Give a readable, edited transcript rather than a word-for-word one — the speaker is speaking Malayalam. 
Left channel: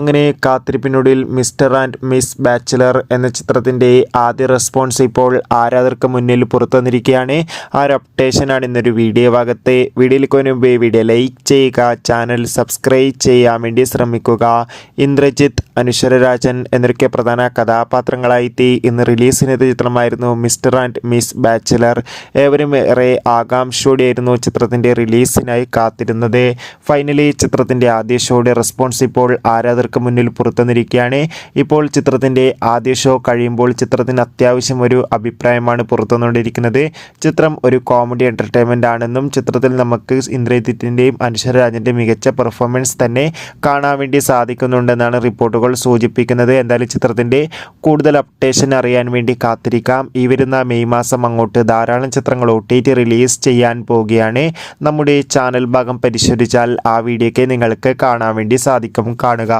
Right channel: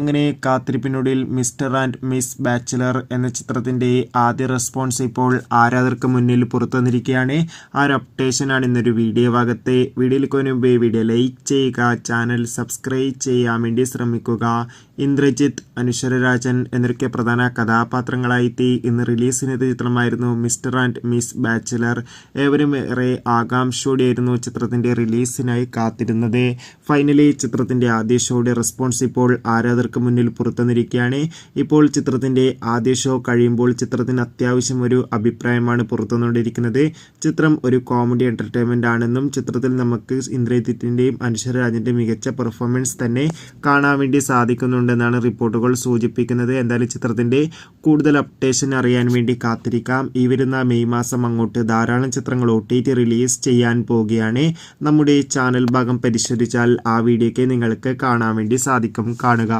അങ്ങനെ കാത്തിരിപ്പിനൊടുവിൽ മിസ്റ്റർ ആൻഡ് മിസ് ബാച്ചിലർ എന്ന ചിത്രത്തിൻ്റെ ആദ്യ റെസ്പോൺസ് ഇപ്പോൾ ആരാധകർക്ക് മുന്നിൽ പുറത്തു വന്നിരിക്കുകയാണ്. ആ ഒരു അപ്ഡേഷനാണ് ഇന്നൊരു വീഡിയോ ഭാഗത്തെ. വീഡിയോയിലേക്ക് മുൻപ് വീഡിയോ ലൈക്ക് ചെയ്യുക, ചാനൽ സബ്സ്ക്രൈബ് ചെയ്യാൻ വേണ്ടി ശ്രമിക്കുക. ഇന്ദ്രജിത്ത്, അനശ്വര രാജൻ എന്നൊക്കെ പ്രധാന കഥാപാത്രങ്ങളായിട്ട് ഇന്ന് റിലീസിനെത്തിയ ചിത്രമായിരുന്നു മിസ്റ്റർ ആൻഡ് മിസ് ബാച്ചിലർ. ഏവരും ഏറെ ആകാംക്ഷയോടെയായിരുന്നു ചിത്രത്തിൻ്റെ റിലീസിനായി കാത്തിരുന്നത്. ഫൈനലി ചിത്രത്തിൻ്റെ ആദ്യ ഷോയുടെ റെസ്പോൺസ് ഇപ്പോൾ ആരാധകർക്ക് മുന്നിൽ പുറത്തുവന്നിരിക്കുകയാണ്. ഇപ്പോൾ ചിത്രത്തിൻ്റെ ആദ്യ ഷോ കഴിയുമ്പോൾ ചിത്രത്തിന് അത്യാവശ്യം ഒരു അഭിപ്രായമാണ് പുറത്തുവന്നുകൊണ്ടിരിക്കുന്നത്. ചിത്രം ഒരു കോമഡി എൻ്റർടൈൻമെൻ്റ് ആണെന്നും ചിത്രത്തിൽ നമുക്ക് ഇന്ദ്രജിത്തിൻ്റെയും അനശ്വര രാജൻ്റെയും മികച്ച പെർഫോമൻസ് തന്നെ കാണാൻ വേണ്ടി സാധിക്കുന്നുണ്ടെന്നാണ് റിപ്പോർട്ടുകൾ സൂചിപ്പിക്കുന്നത്. എന്തായാലും ചിത്രത്തിൻ്റെ കൂടുതൽ അപ്ഡേഷൻ അറിയാൻ വേണ്ടി കാത്തിരിക്കാം. ഈ വരുന്ന മെയ് മാസം അങ്ങോട്ട് ധാരാളം ചിത്രങ്ങൾ OTT റിലീസ് ചെയ്യാൻ പോവുകയാണ്. നമ്മുടെ ചാനൽ ഭാഗം പരിശോധിച്ചാൽ ആ വീഡിയോയ്ക്ക് നിങ്ങൾക്ക് കാണാൻ വേണ്ടി സാധിക്കും. കാണുക.